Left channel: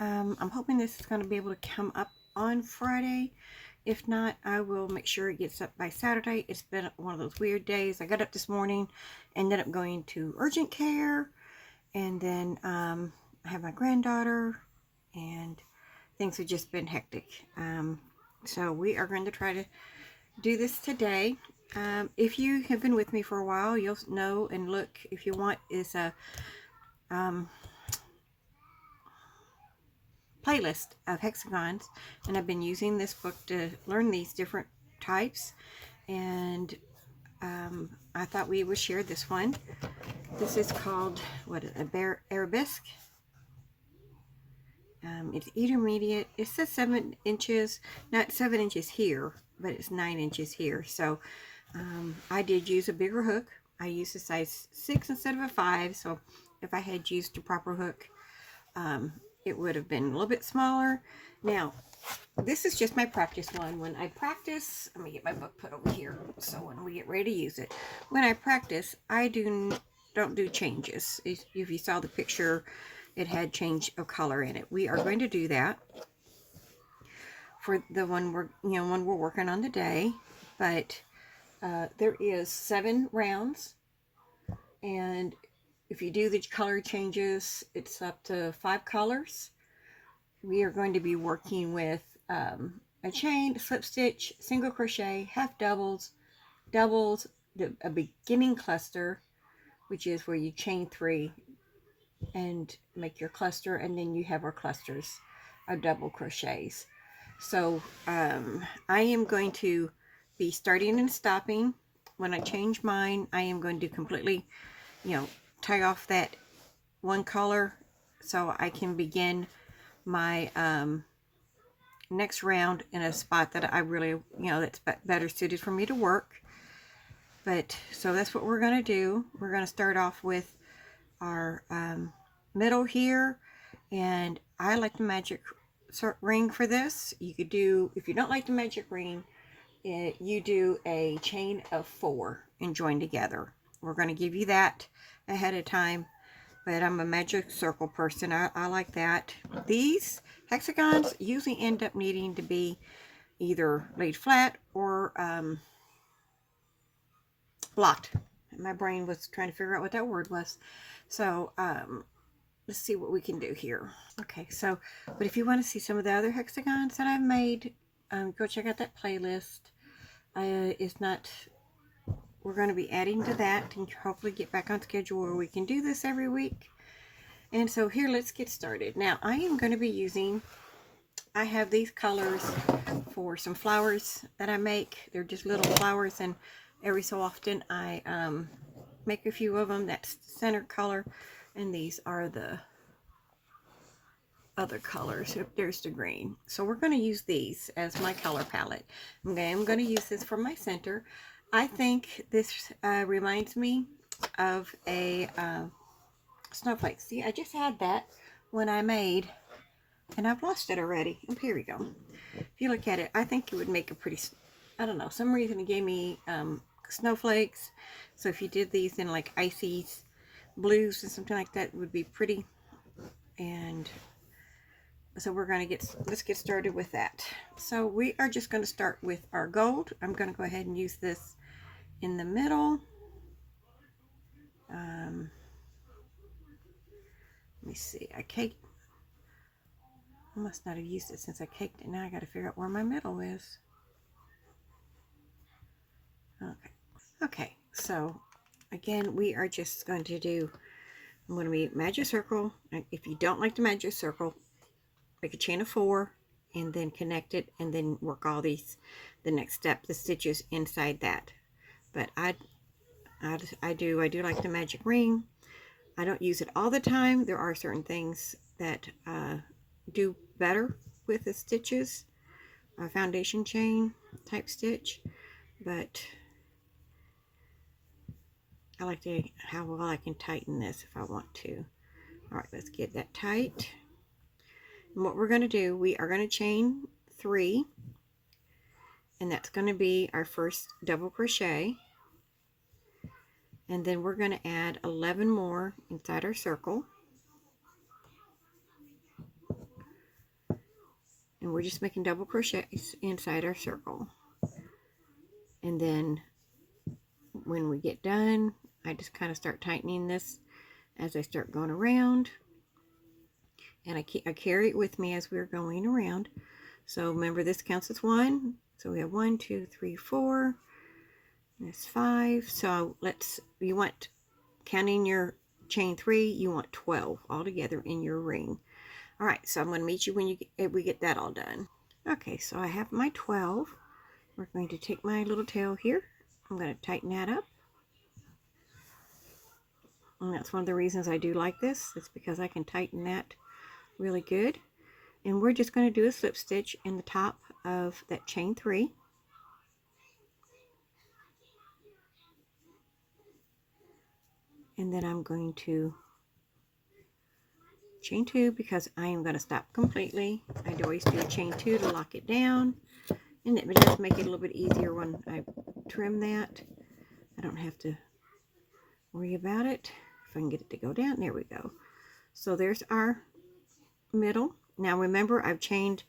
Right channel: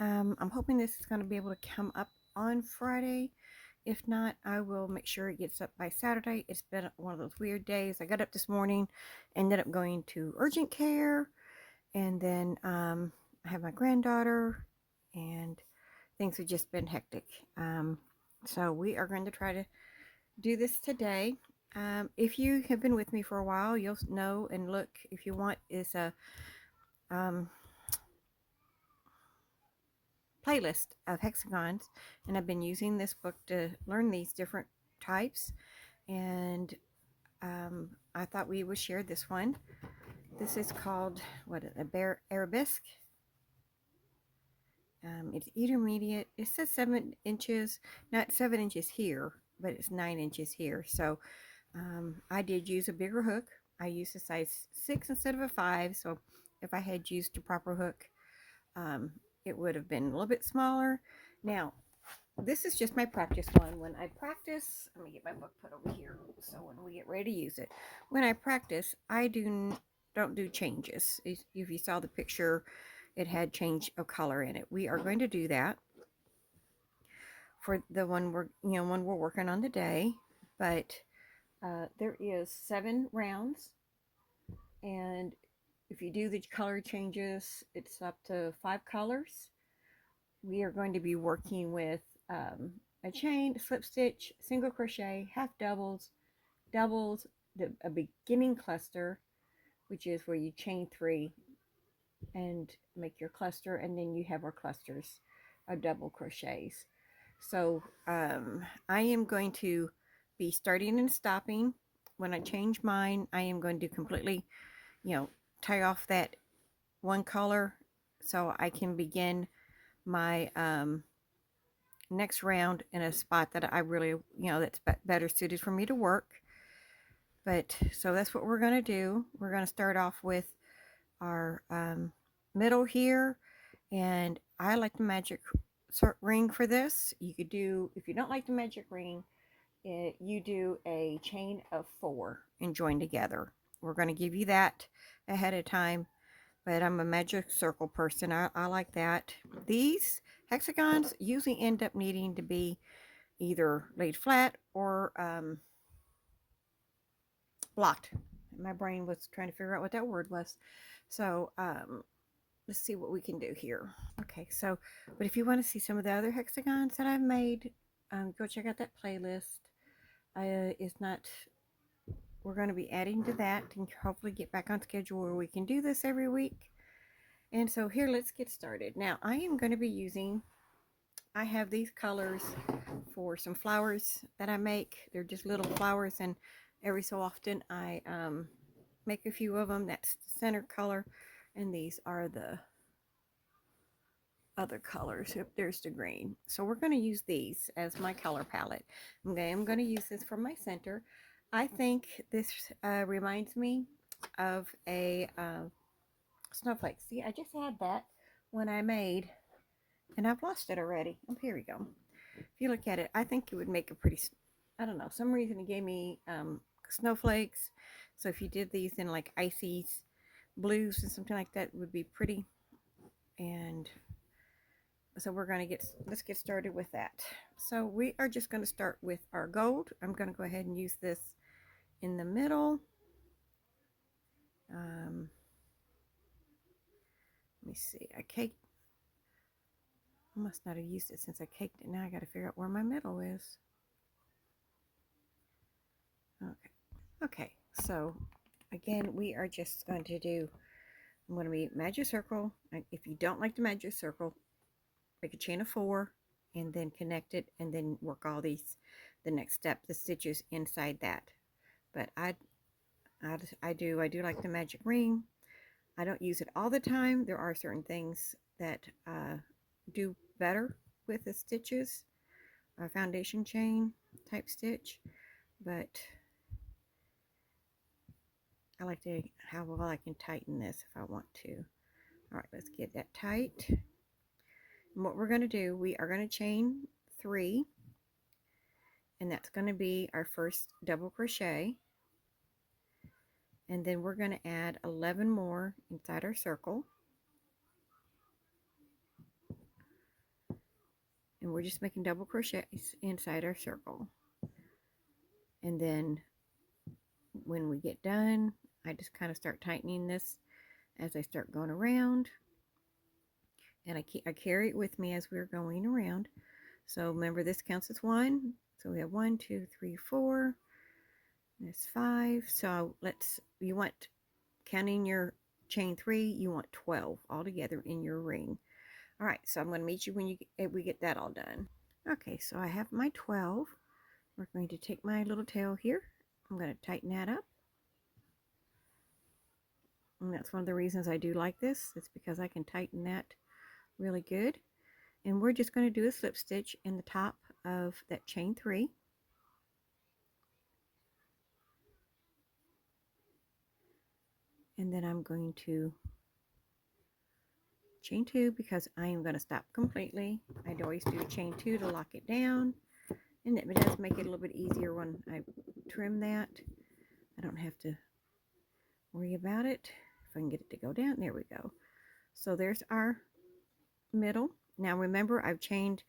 I'm hoping this is going to be able to come up on Friday. If not, I will make sure it gets up by Saturday. It's been one of those weird days. I got up this morning, ended up going to urgent care, and then I have my granddaughter, and things have just been hectic. So we are going to try to do this today. If you have been with me for a while, you'll know, and look, if you want, is a playlist of hexagons, and I've been using this book to learn these different types, and I thought we would share this one. This is called Arabesque. It's intermediate. It says 7 inches, not 7 inches here, but it's 9 inches here. So I did use a bigger hook. I used a size 6 instead of a 5, so if I had used a proper hook, it would have been a little bit smaller. Now, this is just my practice one. When I practice, let me get my book put over here so when we get ready to use it. When I practice, I don't do changes. If you saw the picture, it had change of color in it. We are going to do that for the one we're working on today. But there is 7 rounds, and if you do the color changes, it's up to 5 colors. We are going to be working with a chain, slip stitch, single crochet, half doubles, a beginning cluster, which is where you chain 3 and make your cluster, and then you have our clusters of double crochets. So I am going to be starting and stopping. When I change mine, I am going to completely, tie off that one color so I can begin my next round in a spot that I really, that's better suited for me to work. But so that's what we're going to do. We're going to start off with our middle here, and I like the magic ring for this. You could do, if you don't like the magic ring, you do a chain of 4 and join together. We're going to give you that ahead of time, but I'm a magic circle person. I like that. These hexagons usually end up needing to be either laid flat or blocked. My brain was trying to figure out what that word was. So let's see what we can do here. Okay, so, but if you want to see some of the other hexagons that I've made, go check out that playlist. We're going to be adding to that and hopefully get back on schedule where we can do this every week. And so here, let's get started. Now, I am going to be using, I have these colors for some flowers that I make. They're just little flowers, and every so often I make a few of them. That's the center color, and these are the other colors. There's the green. So we're going to use these as my color palette. Okay, I'm going to use this for my center. I think this reminds me of a snowflake. See, I just had that when I made, and I've lost it already. Oh, here we go. If you look at it, I think it would make a pretty, I don't know, some reason it gave me snowflakes. So if you did these in like icy blues and something like that, it would be pretty. And so let's get started with that. So we are just going to start with our gold. I'm going to go ahead and use this in the middle. Let me see. I must not have used it since I caked it. Now I got to figure out where my middle is. Okay. So again, we are just going to do, I'm going to be magic circle. If you don't like the magic circle, make a chain of 4 and then connect it, and then work all the next step, the stitches inside that. But I do like the magic ring. I don't use it all the time. There are certain things that do better with the stitches, a foundation chain type stitch, but I like how well I can tighten this if I want to. All right, let's get that tight. And what we're going to do, we are going to chain 3, and that's going to be our first double crochet, and then we're going to add 11 more inside our circle. and we're just making double crochets inside our circle. And then when we get done, I just kind of start tightening this as I start going around, and I carry it with me as we're going around. So remember, this counts as 1. So we have 1, 2, 3, 4. That's 5. So you want, counting your chain 3, you want 12 altogether in your ring. All right, so I'm going to meet you when we get that all done. Okay, so I have my 12. We're going to take my little tail here. I'm going to tighten that up. And that's one of the reasons I do like this. It's because I can tighten that really good. And we're just going to do a slip stitch in the top of that chain 3. And then I'm going to chain 2 because I am going to stop completely. I'd always do a chain 2 to lock it down. And it does make it a little bit easier when I trim that. I don't have to worry about it. If I can get it to go down, there we go. So there's our middle. Now remember, I've chained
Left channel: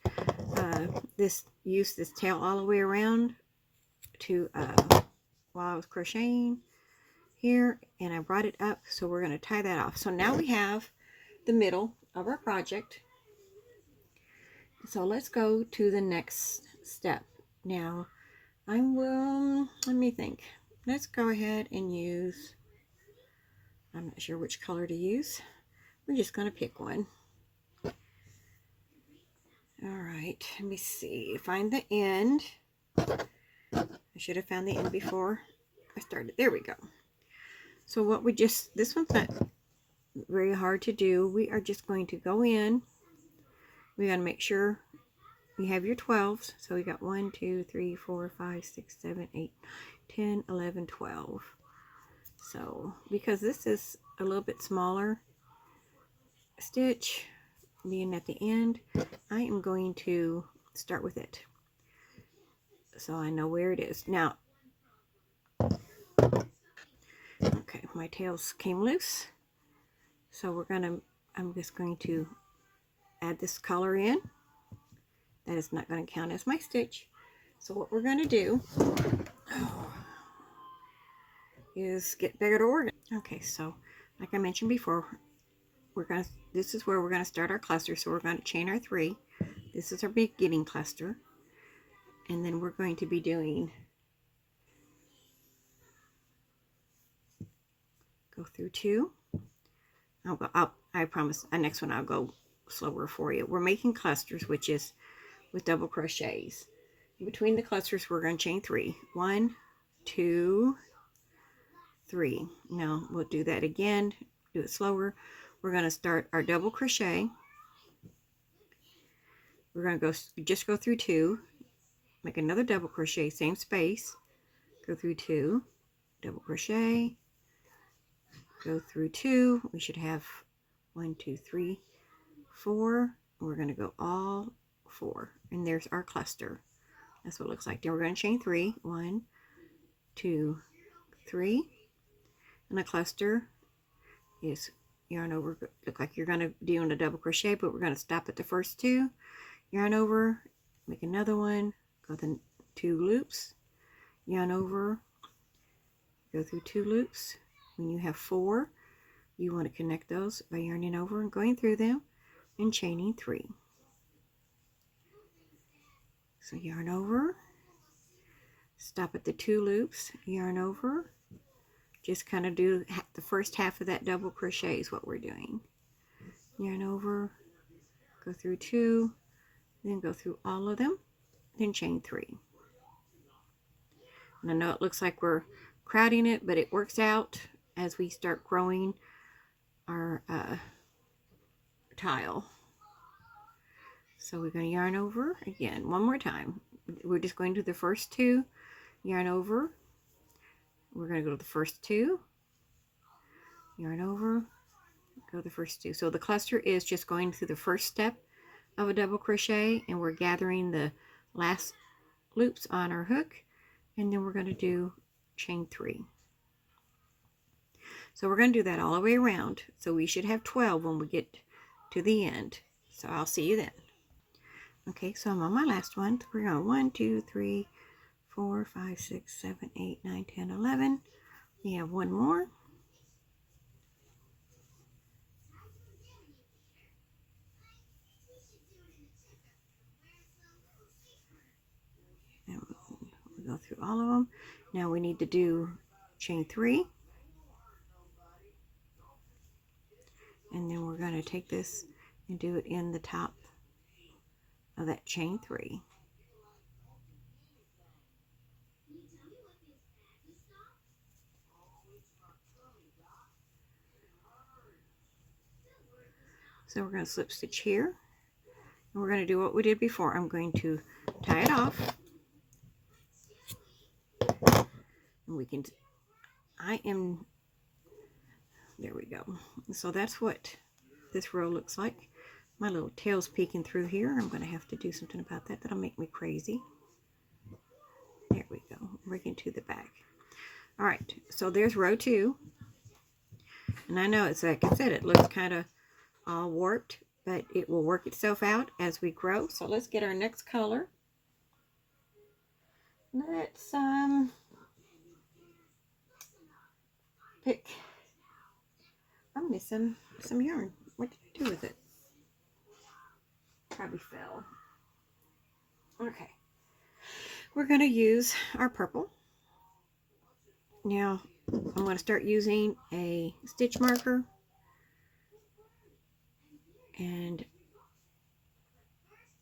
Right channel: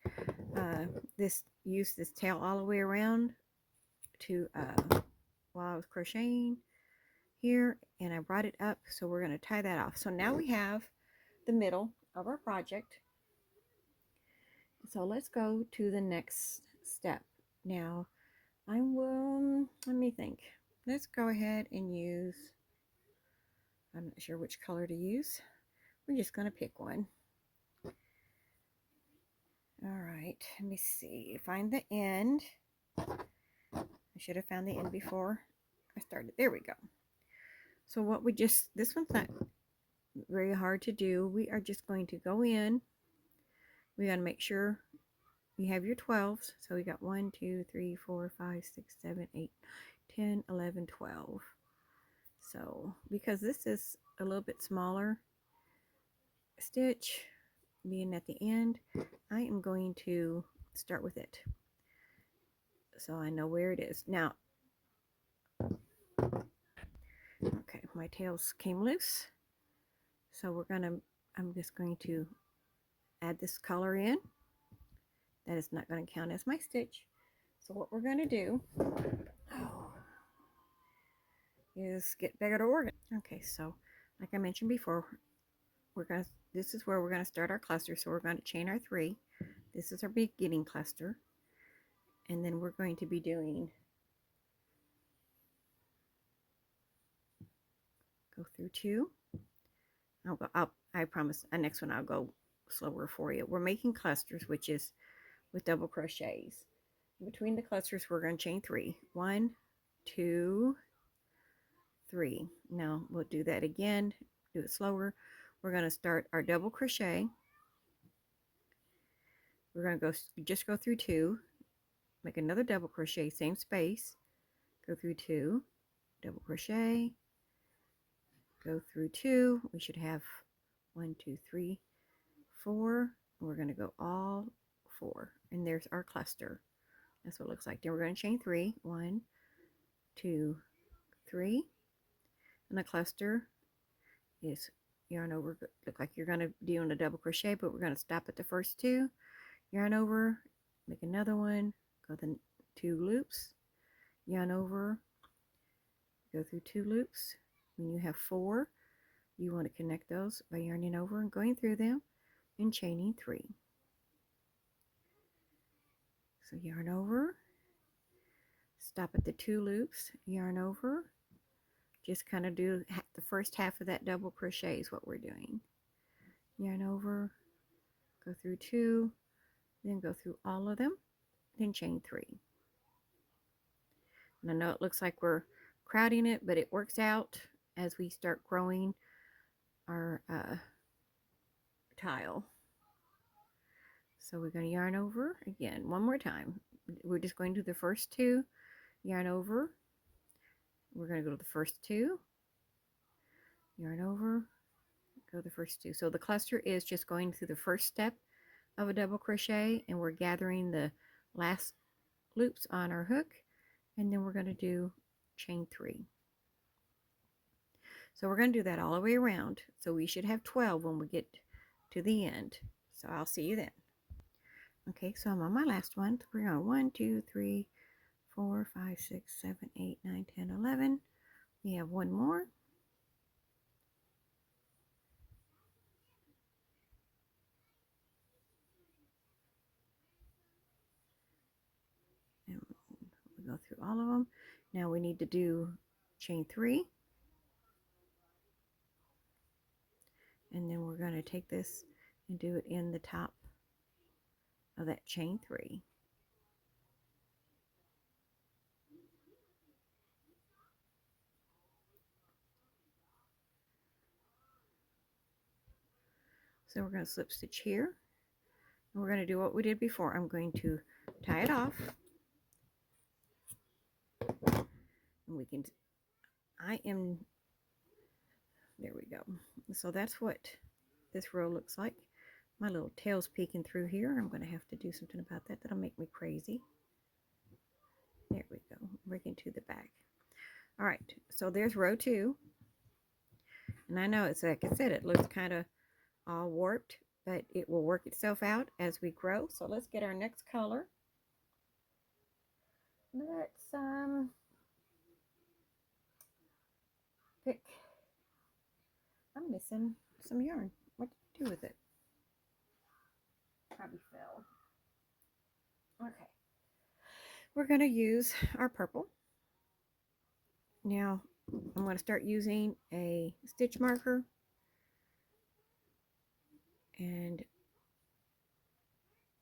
used this tail all the way around to while I was crocheting here, and I brought it up, so we're going to tie that off. So now we have the middle of our project. So let's go to the next step. Now I will, let me think. Let's go ahead and use, I'm not sure which color to use. We're just going to pick one. All right, let me see. Find the end. I should have found the end before I started. There we go. So what we just, this one's not very hard to do. We are just going to go in. We got to make sure you have your 12s. So we got 1, 2, 3, 4, 5, 6, 7, 8, 10, 11, 12. So because this is a little bit smaller stitch, being at the end, I am going to start with it, so I know where it is. Now, okay, my tails came loose, so I'm just going to add this color in. That is not going to count as my stitch. So what we're going to do is get better organ. Okay, so like I mentioned before, this is where we're going to start our cluster. So we're going to chain our 3. This is our beginning cluster, and then we're going to be doing, go through 2. I promise the next one I'll go slower for you. We're making clusters, which is with double crochets. Between the clusters, we're going to chain 3. 1, 2, 3. Now we'll do that again. Do it slower. We're going to start our double crochet. We're going to just go through 2. Make another double crochet, same space. Go through 2. Double crochet. Go through 2. We should have 1, 2, 3, 4. We're going to go all 4, and there's our cluster. That's what it looks like. Then we're going to chain 3. 1, 2, 3, and the cluster is yarn over. Look like you're going to do a double crochet, but we're going to stop at the first 2, yarn over, make another one, go the 2 loops, yarn over, go through 2 loops. When you have 4, you want to connect those by yarning over and going through them and chaining 3. So yarn over, stop at the 2 loops, yarn over, just kind of do the first half of that double crochet is what we're doing. Yarn over, go through 2, then go through all of them, then chain 3. And I know it looks like we're crowding it, but it works out as we start growing our tile. So we're going to yarn over again one more time. We're just going to the first 2, yarn over. We're going to go to the first 2, yarn over, go to the first 2. So the cluster is just going through the first step of a double crochet, and we're gathering the last loops on our hook, and then we're going to do chain 3. So we're going to do that all the way around. So we should have 12 when we get to the end. So I'll see you then. Okay, so I'm on my last one. We're on 1, 2, 3, 4, 5, 6, 7, 8, 9, 10, 11. We have one more. And we'll go through all of them. Now we need to do chain 3. And then we're going to take this and do it in the top of that chain 3. So we're going to slip stitch here. And we're going to do what we did before. I'm going to tie it off. And we can, there we go. So that's what this row looks like. My little tail's peeking through here. I'm going to have to do something about that. That'll make me crazy. There we go. Breaking to the back. All right. So there's row 2. And I know it's like I said, it looks kind of all warped, but it will work itself out as we grow. So let's get our next color. Let's pick. I'm missing some yarn. What did I do with it? Probably fell. Okay. We're going to use our purple. Now, I'm going to start using a stitch marker. And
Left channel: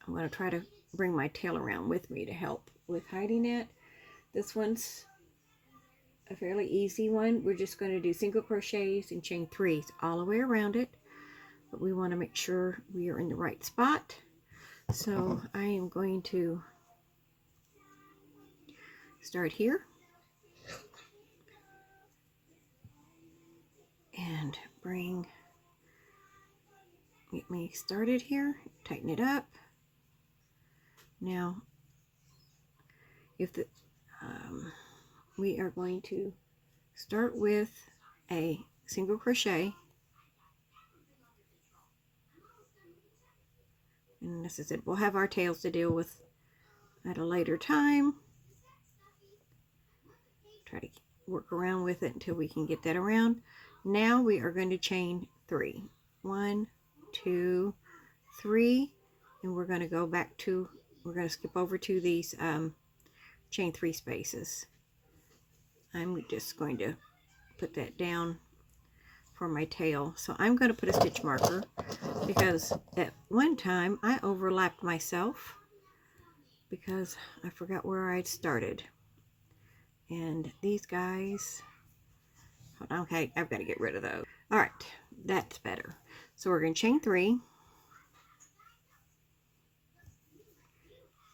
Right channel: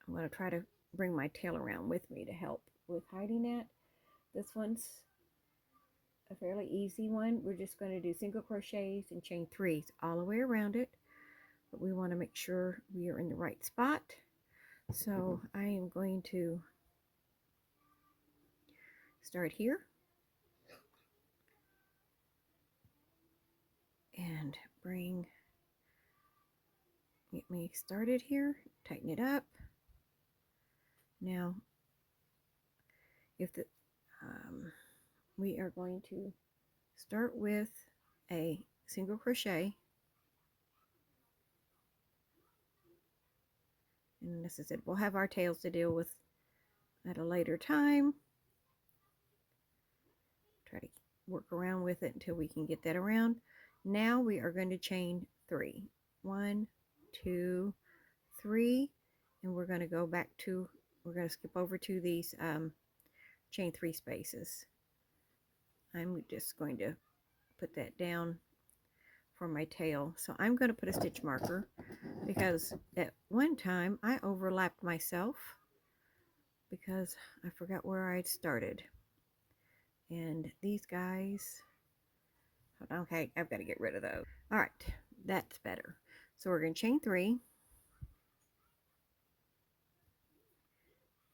I'm going to try to bring my tail around with me to help with hiding it. This one's a fairly easy one. We're just going to do single crochets and chain 3s all the way around it. But we want to make sure we are in the right spot. So I am going to start here and get me started here, tighten it up. Now, if we are going to start with a single crochet, and this is it. We'll have our tails to deal with at a later time. Try to work around with it until we can get that around. Now we are going to chain 3. 1, 2, 3, and we're going to go back to, we're going to skip over to these chain 3 spaces. I'm just going to put that down for my tail. So I'm going to put a stitch marker because at one time I overlapped myself because I forgot where I'd started. And these guys, okay, I've got to get rid of those. All right, that's better. So we're going to chain 3.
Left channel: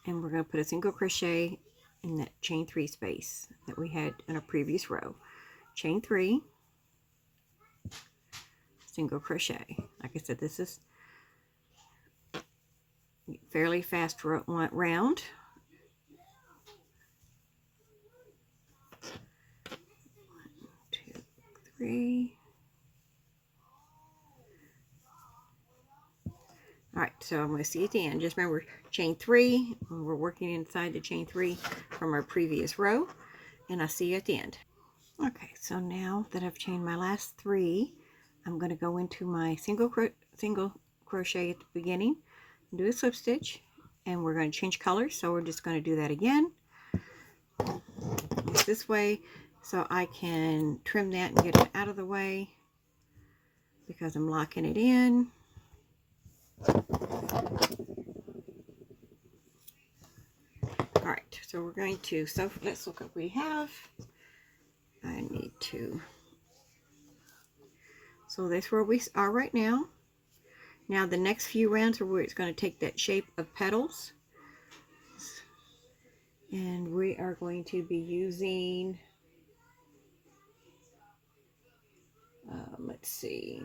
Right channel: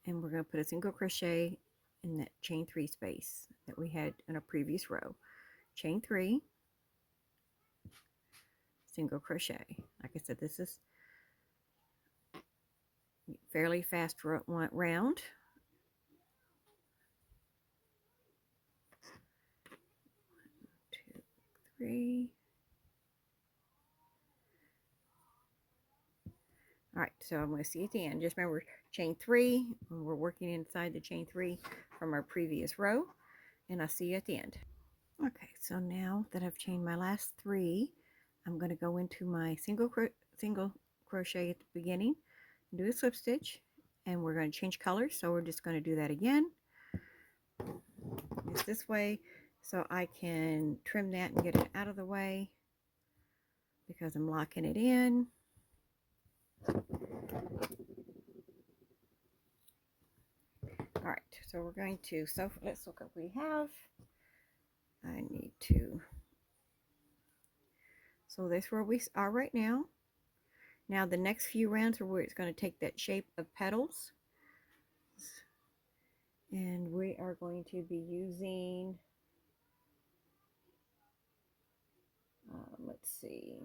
And we're going to put a single crochet in that chain 3 space that we had in a previous row. Chain 3, single crochet. Like I said, this is fairly fast round. 1, 2, 3. All right, so I'm going to see you at the end. Just remember, chain 3. We're working inside the chain 3 from our previous row, and I'll see you at the end. Okay, so now that I've chained my last 3, I'm going to go into my single crochet at the beginning, do a slip stitch, and we're going to change colors. So we're just going to do that again. This way, so I can trim that and get it out of the way because I'm locking it in. All right, so we're going to, so let's look what we have. I need to, so that's where we are right now. Now the next few rounds are where it's going to take that shape of petals. And we are going to be using, let's see,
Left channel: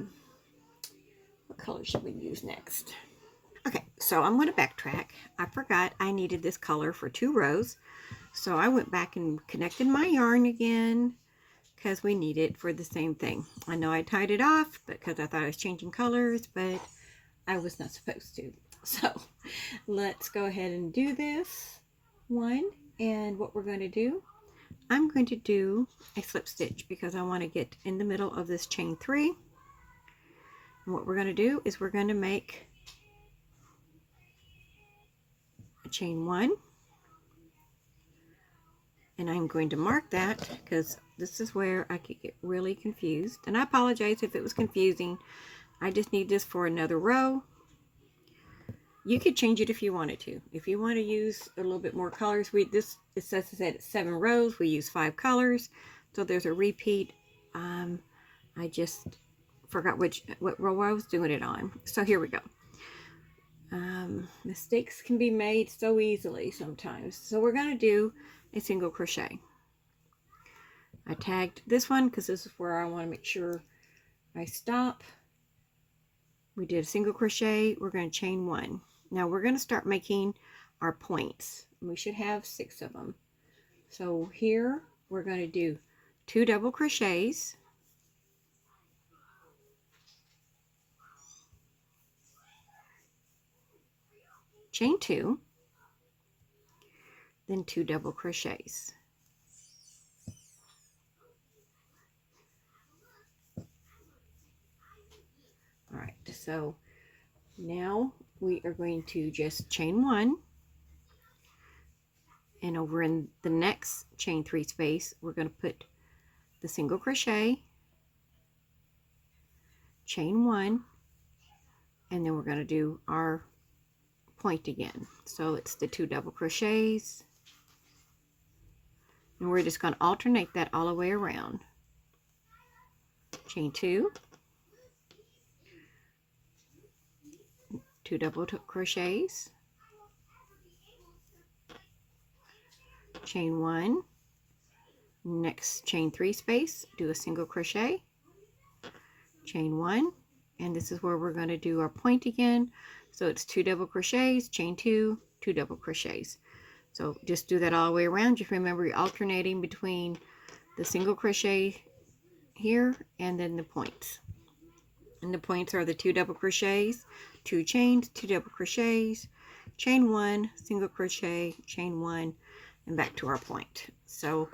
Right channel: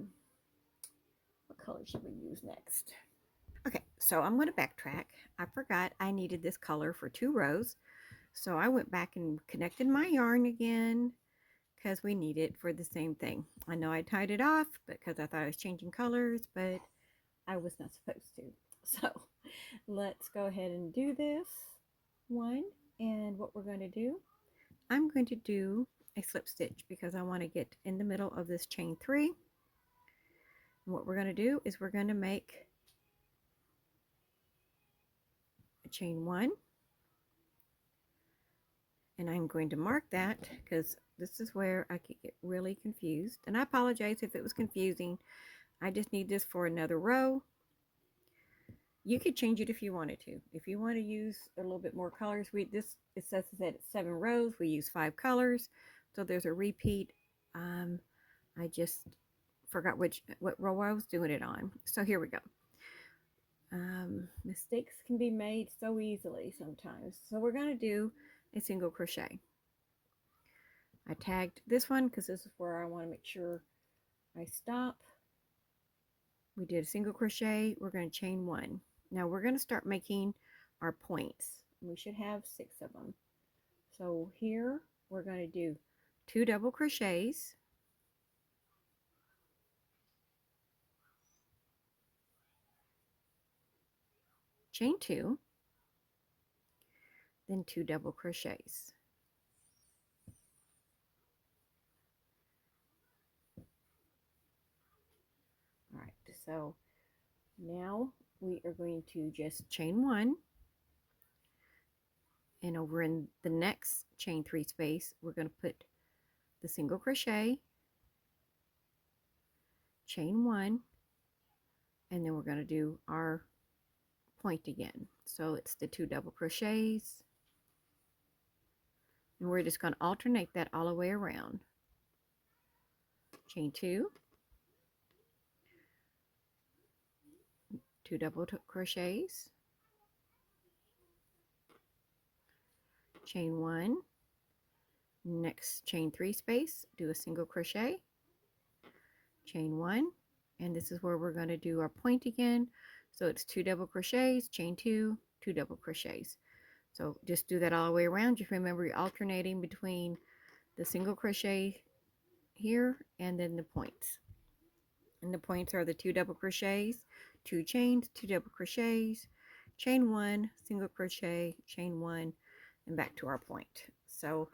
what color should we use next? Okay, so I'm going to backtrack. I forgot I needed this color for 2 rows. So I went back and connected my yarn again because we need it for the same thing. I know I tied it off because I thought I was changing colors, but I was not supposed to. So let's go ahead and do this one. And what we're going to do, I'm going to do a slip stitch because I want to get in the middle of this chain 3. And what we're going to do is we're going to make a chain 1. And I'm going to mark that because this is where I could get really confused. And I apologize if it was confusing. I just need this for another row. You could change it if you wanted to. If you want to use a little bit more colors, it says that it's 7 rows. We use 5 colors, so there's a repeat. I just forgot what row I was doing it on. So here we go. Mistakes can be made so easily sometimes. So we're going to do a single crochet. I tagged this one because this is where I want to make sure I stop. We did a single crochet. We're going to chain 1. Now we're going to start making our points. We should have 6 of them. So here we're going to do 2 double crochets, chain 2, then 2 double crochets. All right, so now we are going to just chain 1, and over in the next chain 3 space we're going to put the single crochet, chain 1, and then we're going to do our point again. So it's the 2 double crochets, and we're just going to alternate that all the way around. Chain 2, 2 double crochets, chain 1, next chain 3 space, do a single crochet, chain 1, and this is where we're going to do our point again. So it's 2 double crochets, chain 2, 2 double crochets. So just do that all the way around. Just remember you're alternating between the single crochet here and then the points. And the points are the 2 double crochets, 2 chains, 2 double crochets, chain 1, single crochet, chain 1, and back to our point. So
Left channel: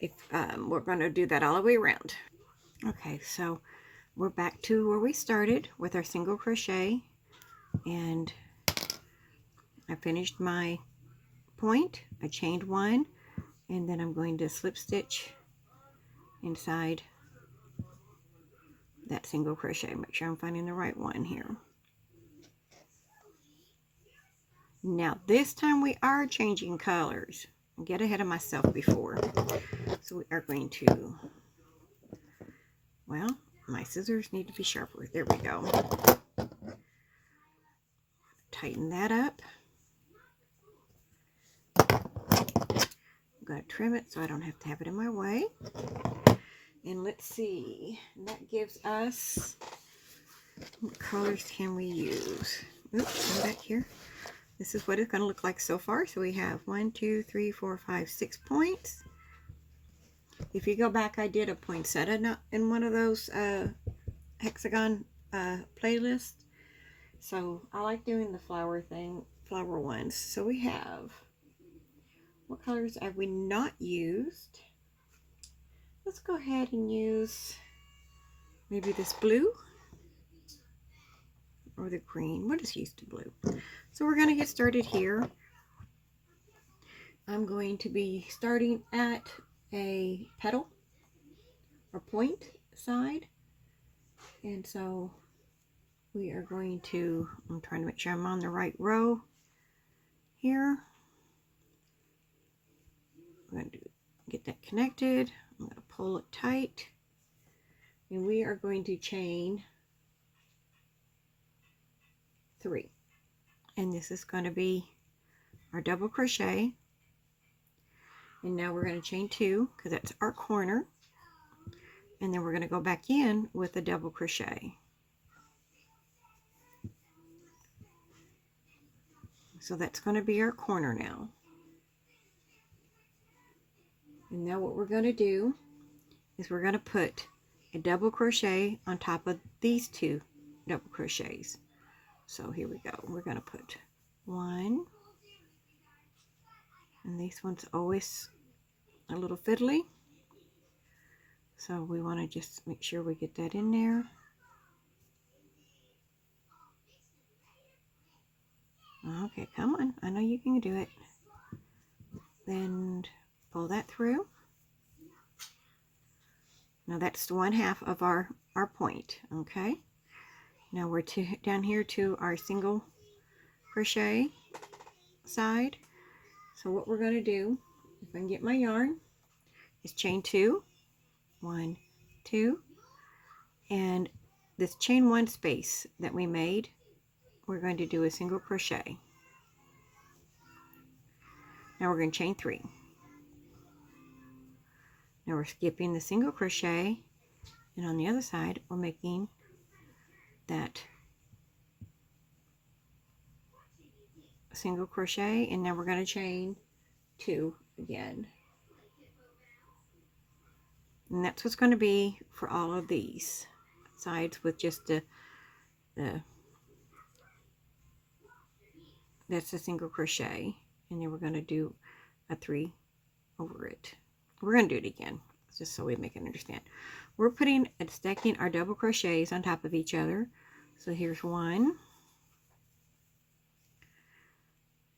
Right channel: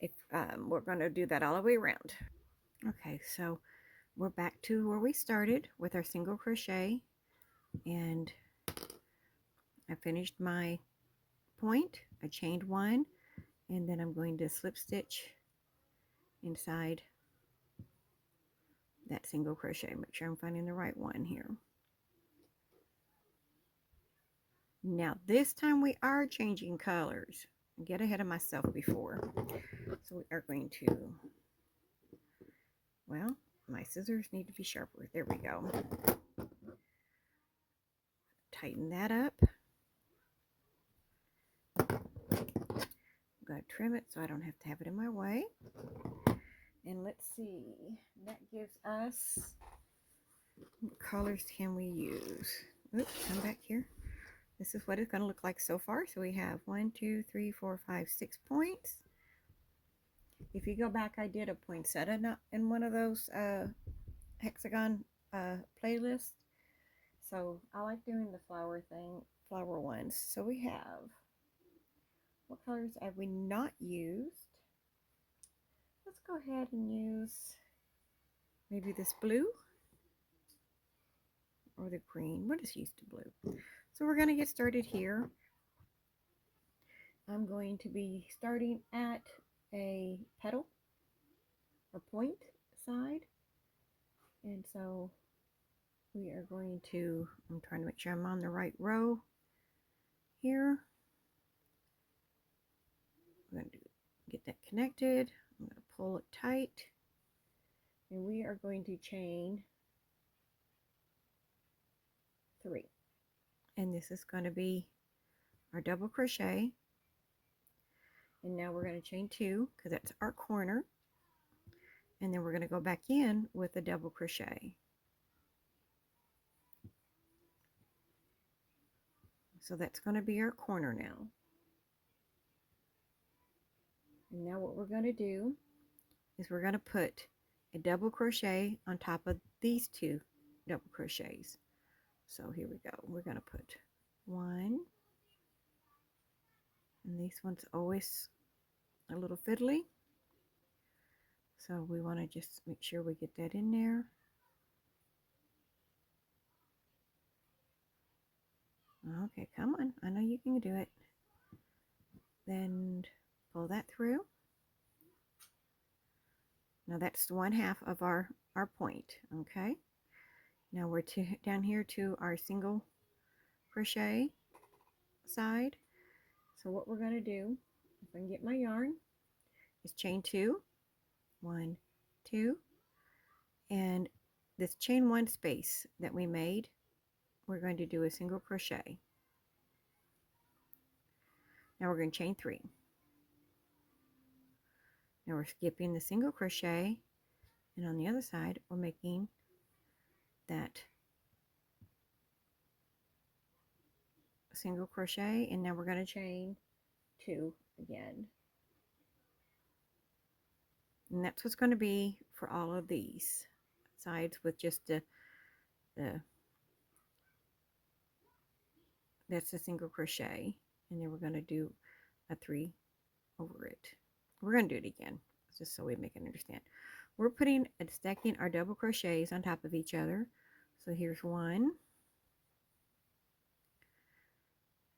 if we're going to do that all the way around. Okay, so we're back to where we started with our single crochet, and I finished my point. I chained 1, and then I'm going to slip stitch inside that single crochet. Make sure I'm finding the right one here. Now this time we are changing colors. Get ahead of myself before. So we are going to, well, my scissors need to be sharper. There we go. Tighten that up. I'm going to trim it so I don't have to have it in my way. And let's see, that gives us, what colors can we use? Oops, come back here. This is what it's going to look like so far. So we have 1, 2, 3, 4, 5, 6 points. If you go back, I did a poinsettia in one of those hexagon playlists. So I like doing the flower ones. So we have, what colors have we not used? Let's go ahead and use maybe this blue or the green. We'll just use the blue. So we're going to get started here. I'm going to be starting at a petal or point side. And so we are going to, I'm trying to make sure I'm on the right row here. I'm going to get that connected. I'm going to pull it tight. And we are going to chain 3. And this is going to be our double crochet. And now we're going to chain 2 because that's our corner. And then we're going to go back in with a double crochet. So that's going to be our corner now. And now what we're going to do is we're going to put a double crochet on top of these 2 double crochets. So here we go. We're going to put 1, and this one's always a little fiddly, so we want to just make sure we get that in there. Okay, come on, I know you can do it. Then pull that through. Now that's the 1/2 of our point. Okay, now we're down here to our single crochet side. So what we're going to do, if I can get my yarn, is chain 2, 1, 2, and this chain 1 space that we made, we're going to do a single crochet. Now we're going to chain 3. Now we're skipping the single crochet, and on the other side we're making that single crochet, and now we're going to chain 2 again. And that's what's going to be for all of these sides, with just that's a single crochet, and then we're going to do a 3 over it. We're going to do it again just so we make it understand. We're putting and stacking our double crochets on top of each other. So here's 1,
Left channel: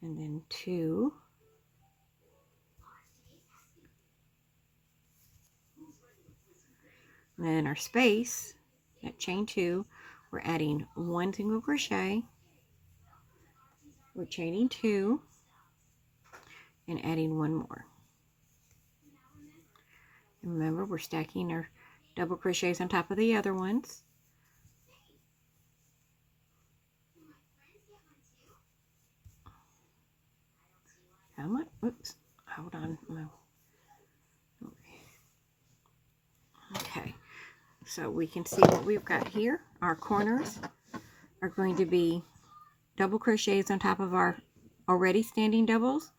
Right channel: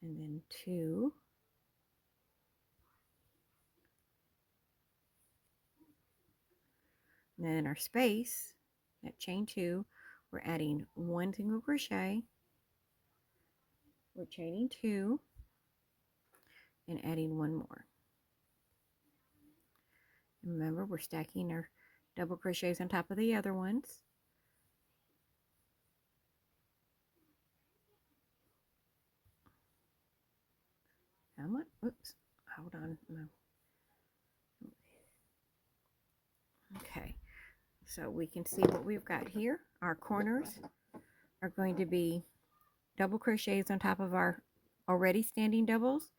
and then 2, and then our space at chain 2, we're adding 1 single crochet, we're chaining 2, and adding 1 more. And remember, we're stacking our double crochets on top of the other ones. Come on, oops, hold on. Okay, so we can see what we've got here. Our corners are going to be double crochets on top of our already standing doubles.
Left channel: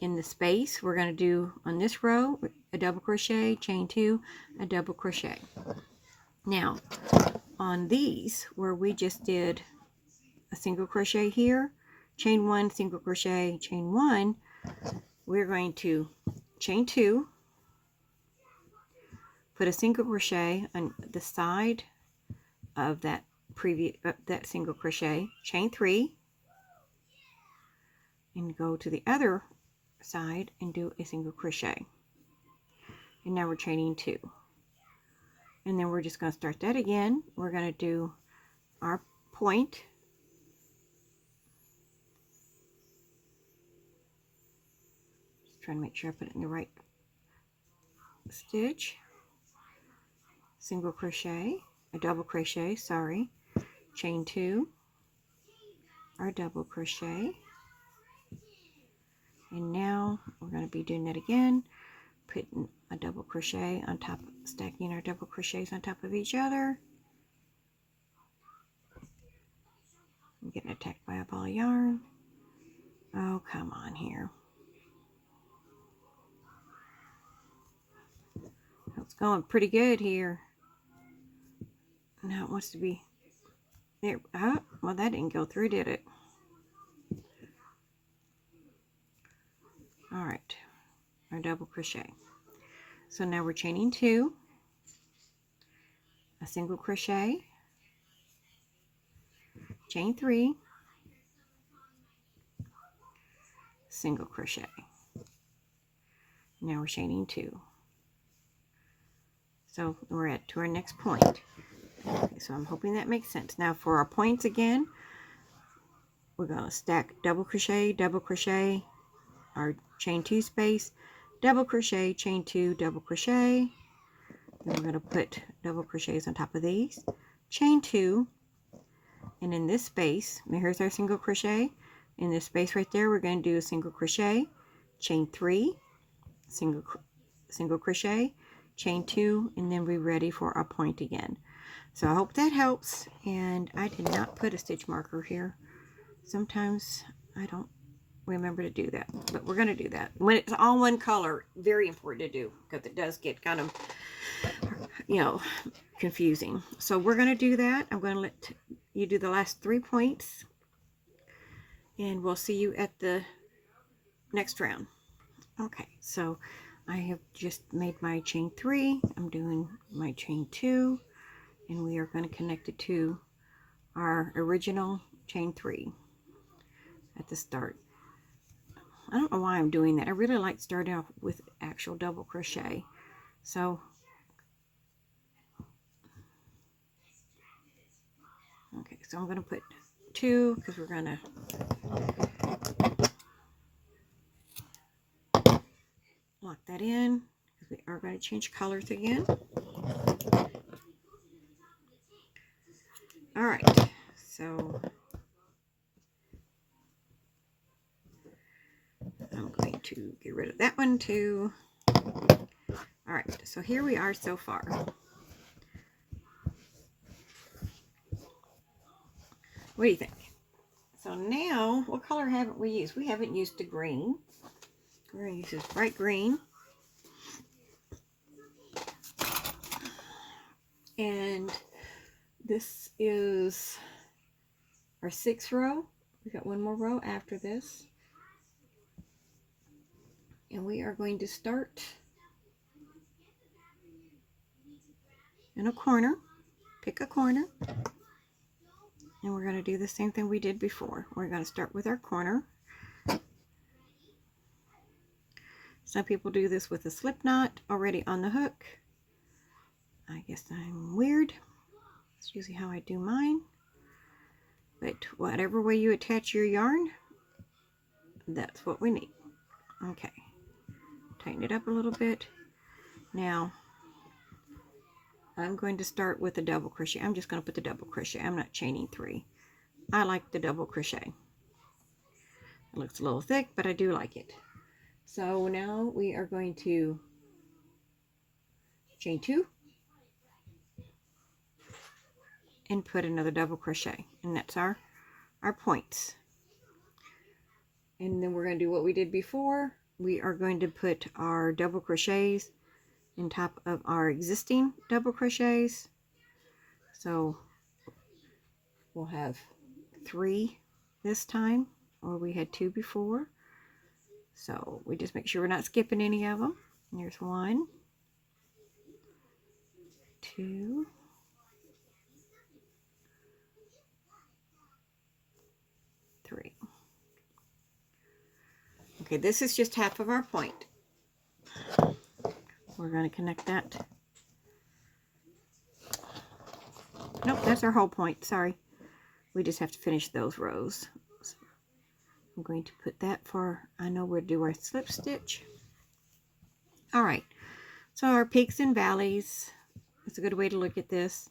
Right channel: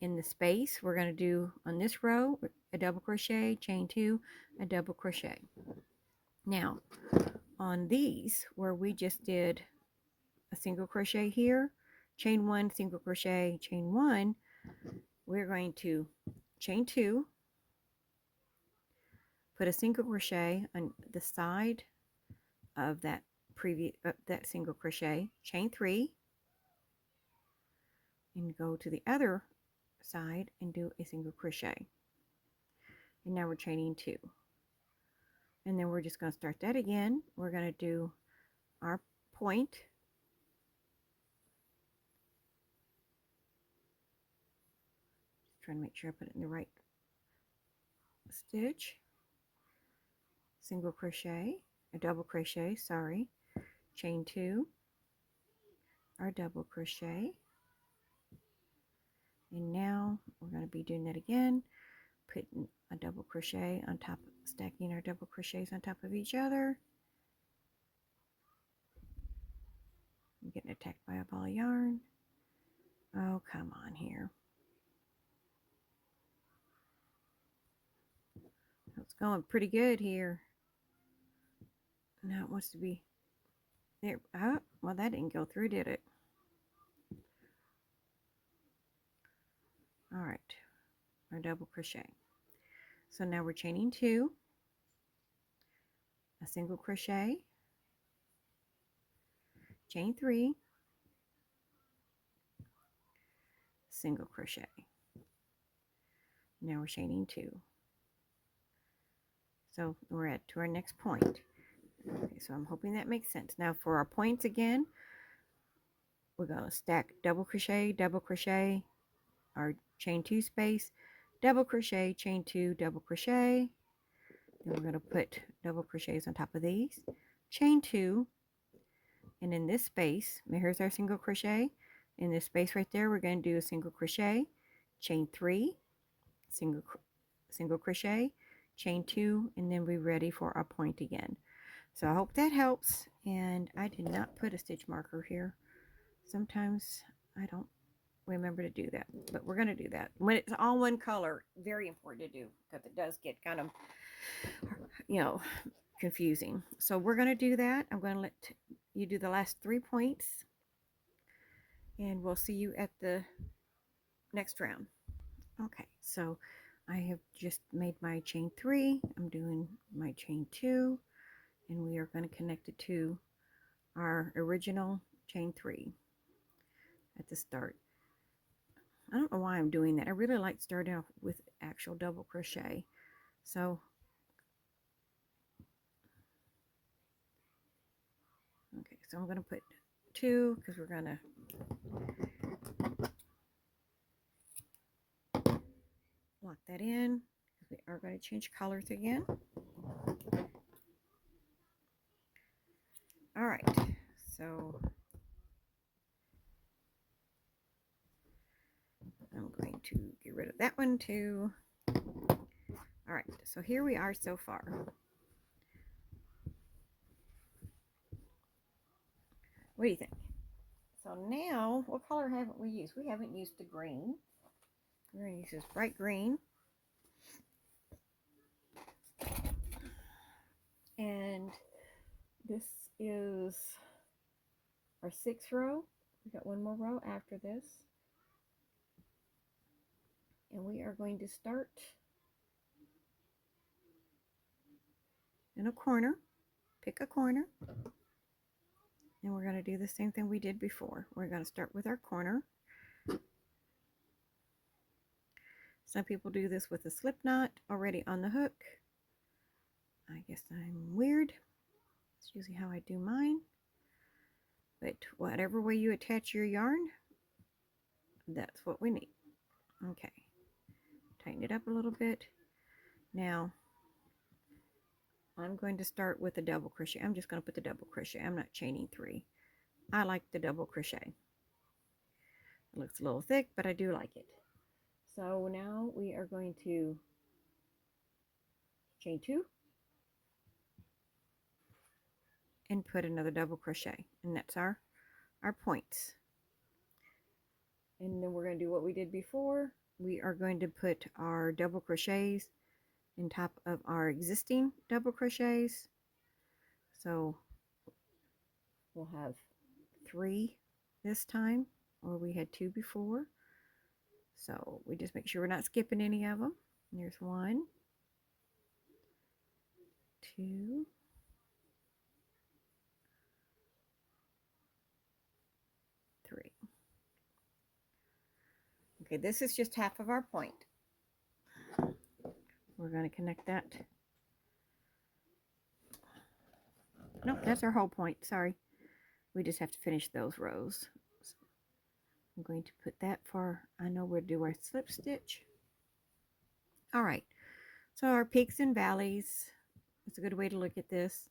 In the space, we're going to do on this row a double crochet, chain 2, a double crochet. Now on these, where we just did a single crochet here, chain 1, single crochet, chain 1, we're going to chain 2, put a single crochet on the side of that that single crochet, chain 3, and go to the other side and do a single crochet. And now we're chaining 2, and then we're just going to start that again. We're going to do our point, just trying to make sure I put it in the right stitch, single crochet, a double crochet, sorry, chain 2, our double crochet, and now we're going to be doing that again, putting a double crochet on top, stacking our double crochets on top of each other. I'm getting attacked by a ball of yarn. Oh, come on here. It's going pretty good here. Now it wants to be there. Oh, well, that didn't go through, did it? All right, our double crochet. So now we're chaining 2, a single crochet, chain 3, single crochet. Now we're chaining 2. So we're at to our next point. Okay, so I'm hoping that makes sense. Now for our points again, we're going to stack double crochet, our chain 2 space, double crochet, chain 2, double crochet. Then we're going to put double crochets on top of these, chain 2, and in this space, here's our single crochet. In this space right there, we're going to do a single crochet, chain 3, single crochet, chain 2, and then we're ready for our point again. So I hope that helps. And I did not put a stitch marker here. Sometimes I don't remember to do that, but we're going to do that when it's all one color. Very important to do, because it does get kind of, you know, confusing. So we're going to do that. I'm going to let you do the last 3 points, and we'll see you at the next round. Okay, so I have just made my chain 3. I'm doing my chain 2, and we are going to connect it to our original chain 3 at the start. I don't know why I'm doing that. I really like starting off with actual double crochet. So, okay, so I'm going to put 2 because we're going to lock that in because we are going to change colors again. All right, so I'm going to get rid of that one too. All right, so here we are so far. What do you think? So now, what color haven't we used? We haven't used the green. We're going to use this bright green. And this is our 6th row. We got one more row after this. And we are going to start in a corner. Pick a corner. And we're going to do the same thing we did before. We're going to start with our corner. Some people do this with a slip knot already on the hook. I guess I'm weird. It's usually how I do mine. But whatever way you attach your yarn, that's what we need. Okay. Tighten it up a little bit. Now, I'm going to start with a double crochet. I'm just going to put the double crochet. I'm not chaining 3. I like the double crochet. It looks a little thick, but I do like it. So now we are going to chain 2 and put another double crochet, and that's our points. And then we're going to do what we did before. We are going to put our double crochets on top of our existing double crochets. So we'll have 3 this time, or we had 2 before. So we just make sure we're not skipping any of them. And here's 1, 2, 3. Okay, this is just half of our point. We're going to connect that. Nope, that's our whole point. Sorry. We just have to finish those rows. So I'm going to put that for, I know we'll do our slip stitch. All right. So our peaks and valleys. It's a good way to look at this.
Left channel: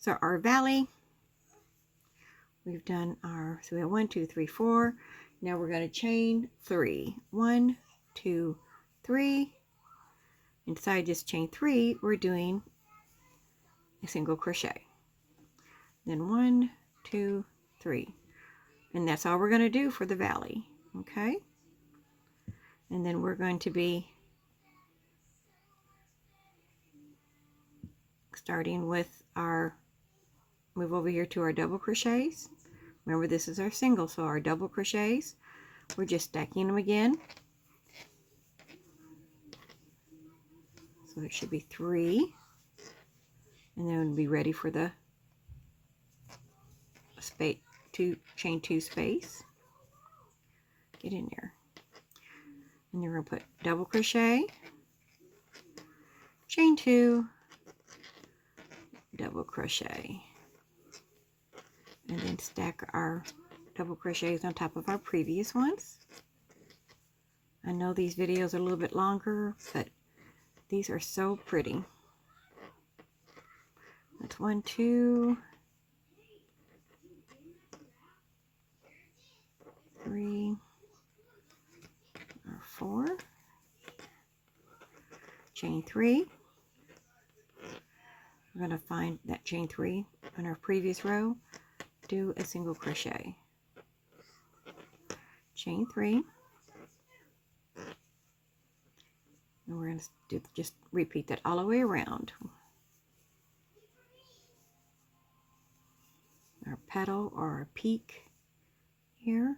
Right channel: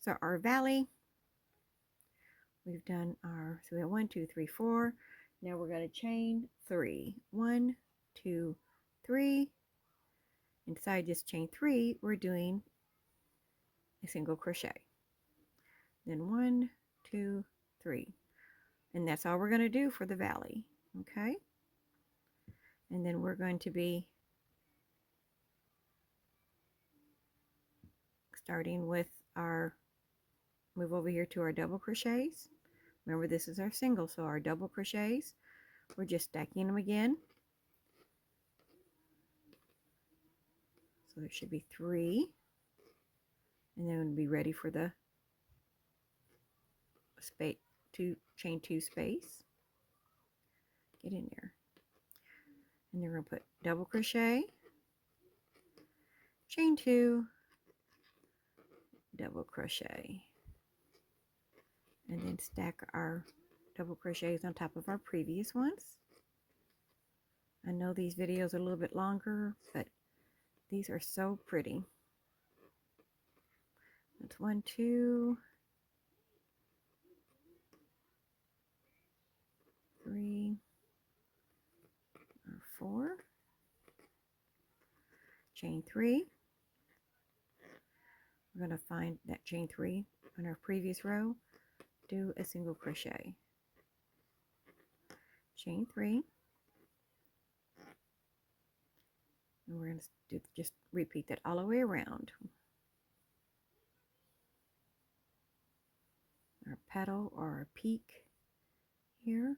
So our valley, we've done our, so we have 1, 2, 3, 4. Now we're going to chain 3. 1, 2, 3. Inside this chain 3, we're doing a single crochet. Then 1, 2, 3. And that's all we're going to do for the valley. Okay? And then we're going to be starting with our, move over here to our double crochets. Remember, this is our single, so our double crochets, we're just stacking them again. So there should be 3. And then we'll be ready for the space, chain 2 space. Get in there. And then we're going to put double crochet, chain 2, double crochet, and then stack our double crochets on top of our previous ones. I know these videos are a little bit longer, but these are so pretty. That's 1, 2, 3, or 4, chain 3. We're going to find that chain 3 on our previous row, do a single crochet, chain 3, and we're going to just repeat that all the way around. Our petal or our peak here,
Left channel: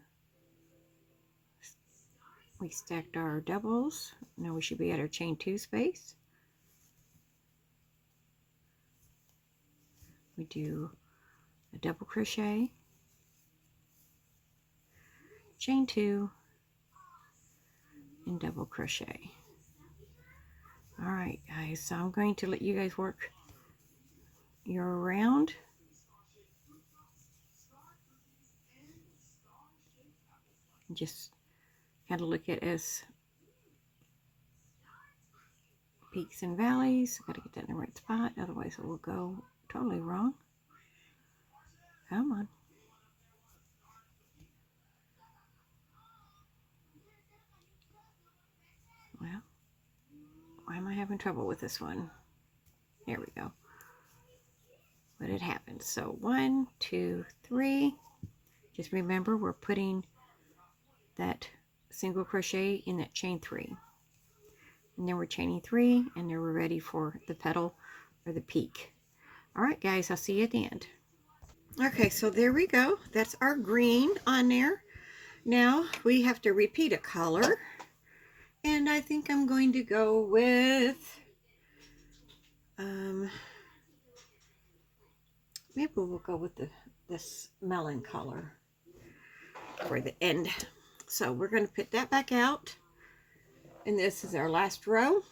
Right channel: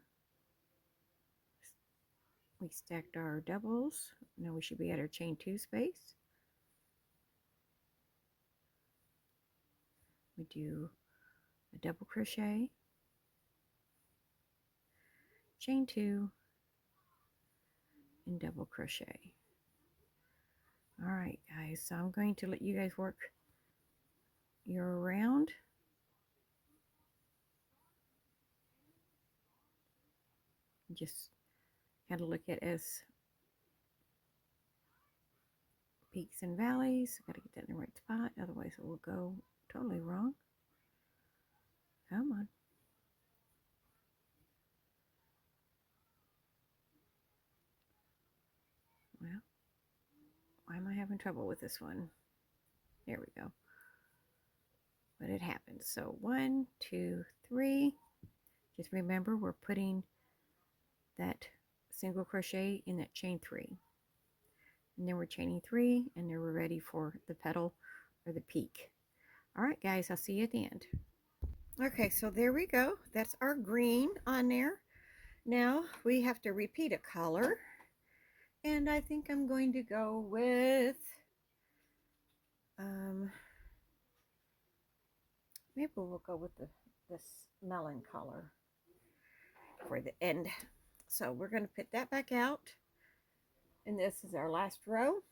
we stacked our doubles. Now we should be at our chain 2 space. We do a double crochet, chain 2, and double crochet. All right, guys, so I'm going to let you guys work your round. Just kind of look at it as peaks and valleys. Got to get that in the right spot, otherwise it will go totally wrong. Come on. Well, why am I having trouble with this one? There we go. But it happens. So 1, 2, 3. Just remember we're putting that single crochet in that chain 3. And then we're chaining 3, and then we're ready for the petal or the peak. All right, guys, I'll see you at the end. Okay, so there we go. That's our green on there. Now we have to repeat a color. And I think I'm going to go with, maybe we'll go with this melon color for the end. So we're going to put that back out. And this is our last row.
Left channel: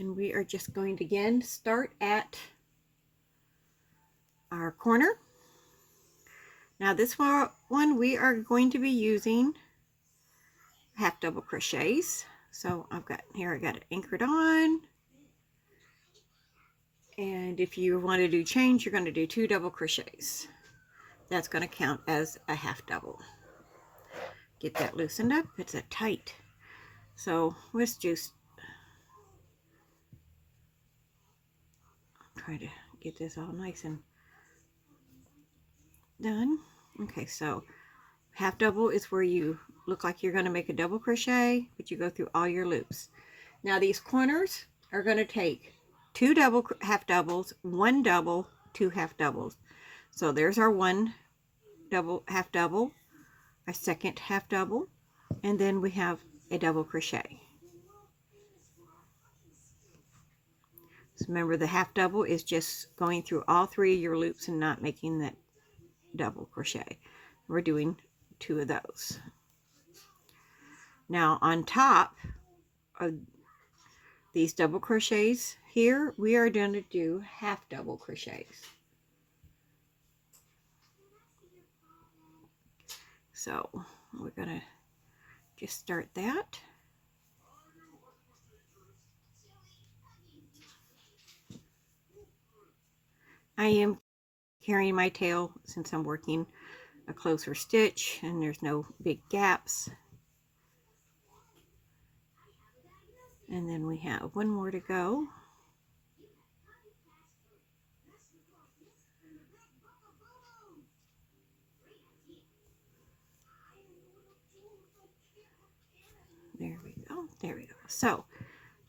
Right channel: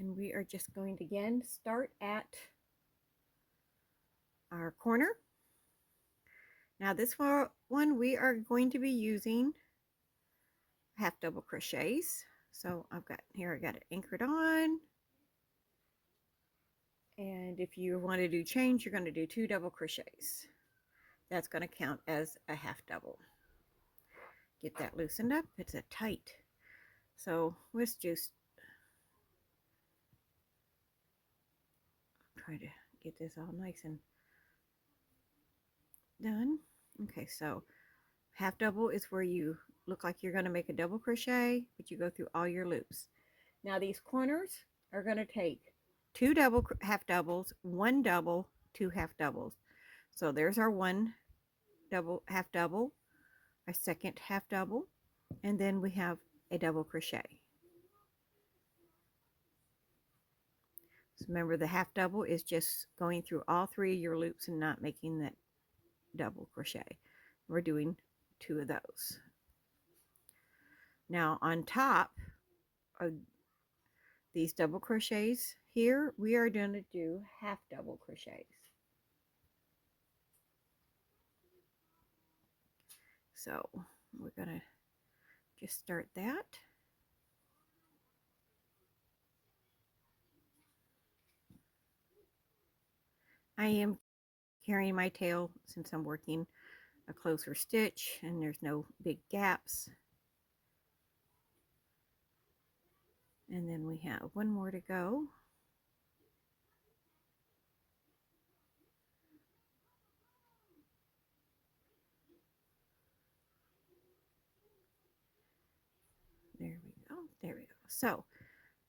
And we are just going to again start at our corner. Now this one we are going to be using half double crochets. So I've got here, I got it anchored on. And if you want to do chains, you're going to do 2 double crochets. That's going to count as a half double. Get that loosened up. It's a tight. So let's just try to get this all nice and done. Okay, so half double is where you look like you're going to make a double crochet, but you go through all your loops. Now these corners are going to take 2 double half doubles, 1 double, 2 half doubles. So there's our 1 double half double, a second half double, and then we have a double crochet. So remember, the half double is just going through all 3 of your loops and not making that double crochet. We're doing 2 of those. Now on top of these double crochets here, we are going to do half double crochets. So we're going to just start that. I am carrying my tail since I'm working a closer stitch and there's no big gaps. And then we have 1 more to go. There we go. There we go. So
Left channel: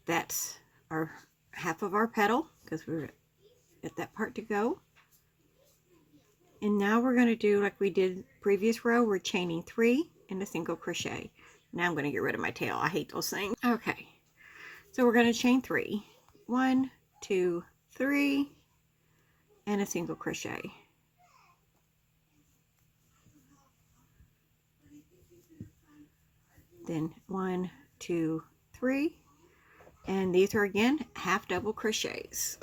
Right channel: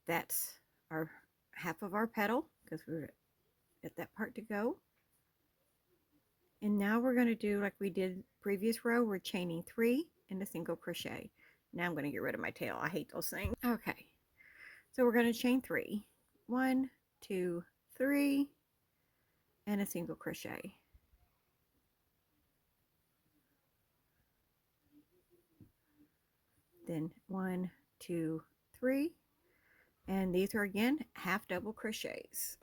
that's our half of our petal because we're at that part to go. And now we're going to do like we did previous row. We're chaining 3 and a single crochet. Now I'm going to get rid of my tail. I hate those things. Okay. So we're going to chain 3. 1, 2, 3, and a single crochet. Then 1, 2, 3, and these are again half double crochets.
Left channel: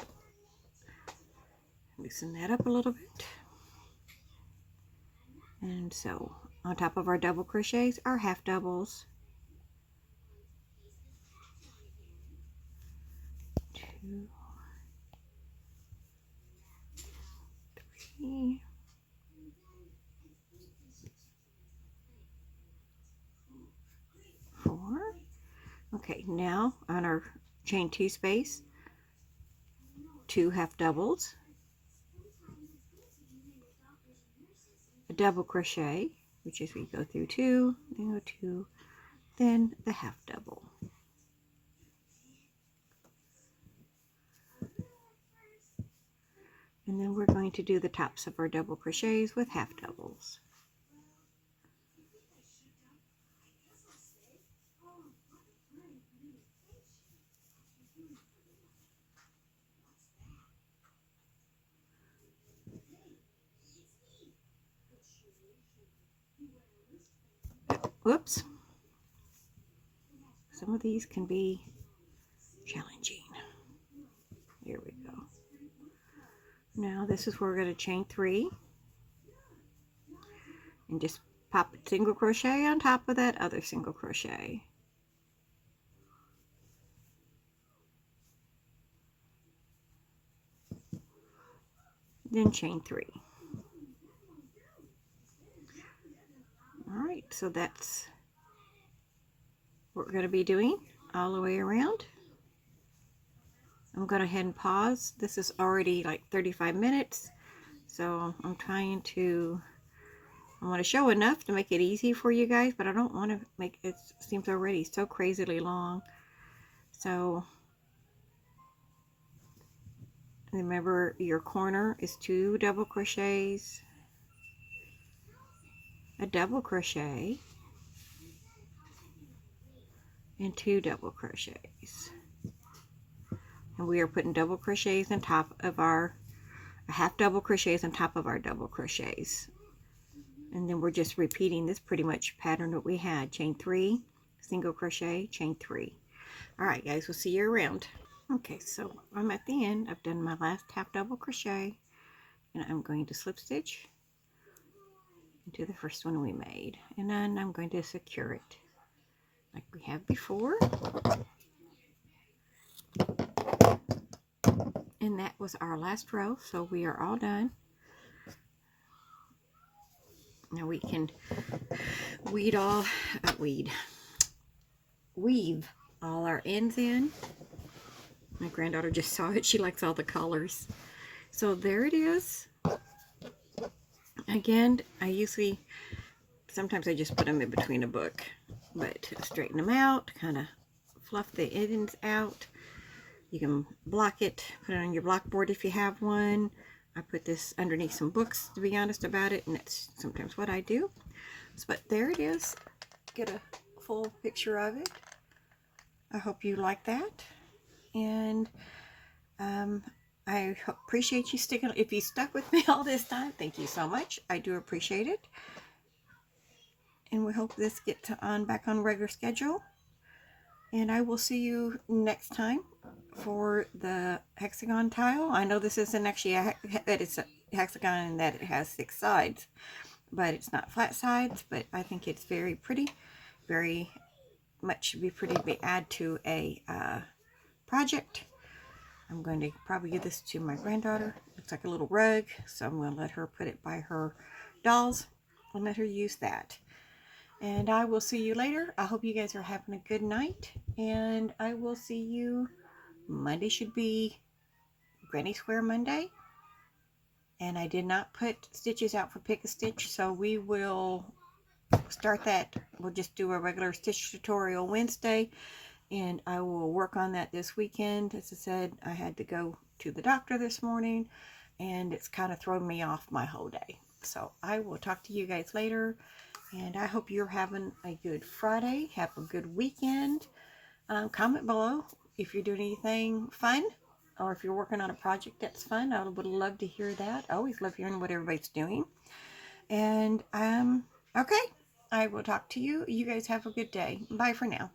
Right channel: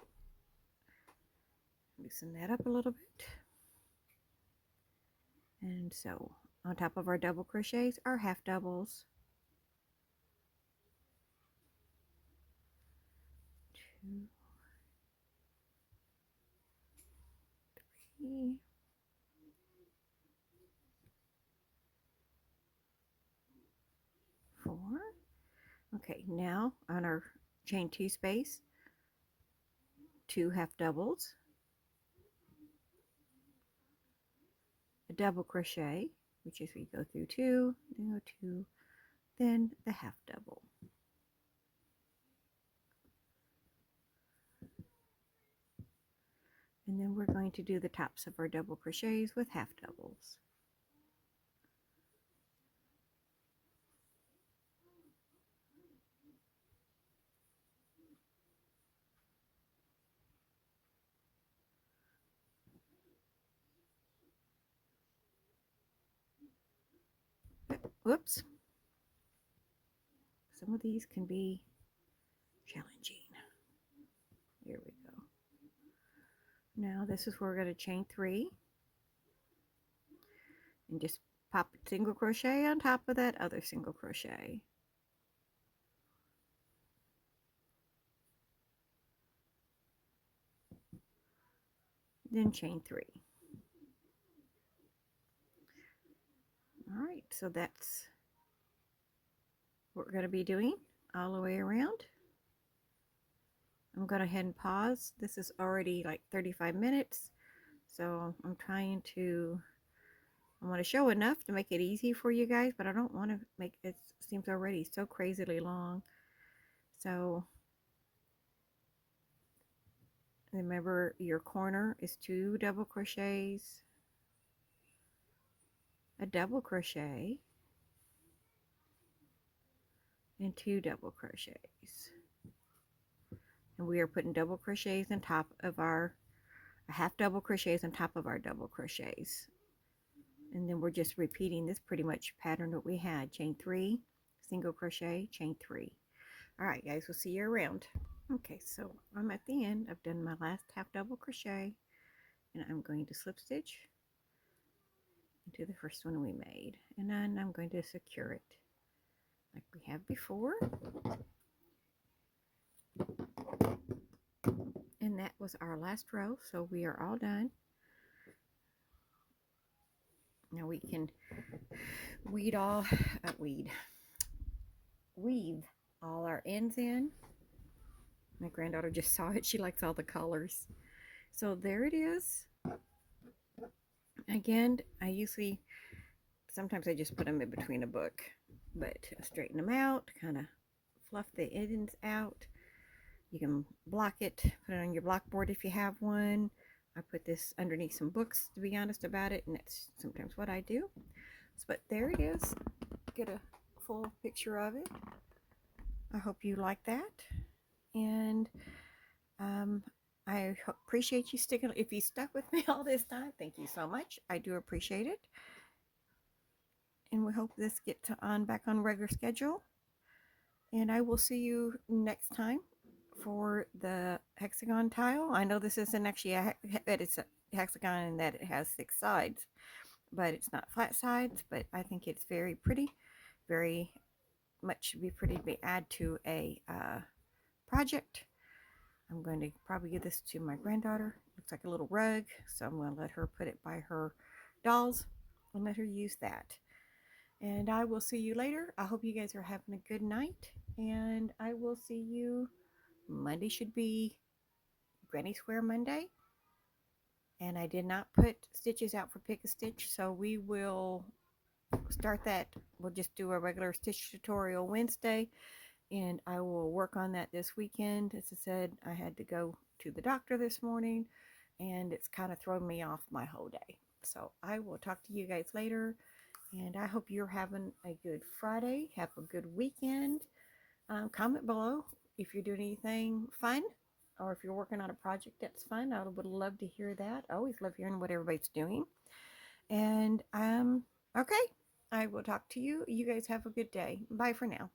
Loosen that up a little bit. And so on top of our double crochets are half doubles. 2, 3, 4. Okay, now on our chain 2 space, 2 half doubles, a double crochet, which is we go through 2, then go 2, then the half double. And then we're going to do the tops of our double crochets with half doubles. whoops, some of these can be challenging. Here we go. Now this is where we're going to chain 3 and just pop a single crochet on top of that other single crochet. Then chain 3. Alright, so that's what we're going to be doing all the way around. I'm going to head and pause. This is already like 35 minutes, so I'm trying to, I want to show enough to make it easy for you guys, but I don't want to make it seems already so crazily long. So remember, your corner is 2 double crochets, a double crochet, and 2 double crochets. And we are putting double crochets on top of our half double crochets on top of our double crochets, and then we're just repeating this pretty much pattern that we had. Chain 3, single crochet, chain 3. All right guys, we'll see you around. Okay, so I'm at the end. I've done my last half double crochet, and I'm going to slip stitch into the first one we made, and then I'm going to secure it like we have before. And that was our last row, so we are all done. Now we can weave all our ends in. My granddaughter just saw it. She likes all the colors. So there it is. Again, sometimes I just put them in between a book, but straighten them out, kind of fluff the ends out. You can block it, put it on your blockboard if you have one. I put this underneath some books, to be honest about it, and that's sometimes what I do. But there it is. Get a full picture of it. I hope you like that. And I appreciate you sticking. If you stuck with me all this time, thank you so much. I do appreciate it. And we hope this gets back on regular schedule. And I will see you next time for the hexagon tile. I know this isn't actually it's a hexagon in that it has 6 sides, but it's not flat sides. But I think it's very pretty, very much be pretty to add to a project. I'm going to probably give this to my granddaughter. Looks like a little rug, so I'm going to let her put it by her dolls and let her use that. And I will see you later. I hope you guys are having a good night, and I will see you Monday. Should be Granny Square Monday, and I did not put stitches out for Pick a Stitch, so we will start that. We'll just do a regular stitch tutorial Wednesday, and I will work on that this weekend. As I said, I had to go to the doctor this morning, and it's kind of thrown me off my whole day. So I will talk to you guys later, and I hope you're having a good Friday. Have a good weekend. Comment below if you're doing anything fun, or if you're working on a project that's fun. I would love to hear that. I always love hearing what everybody's doing. And okay, I will talk to you. You guys have a good day. Bye for now.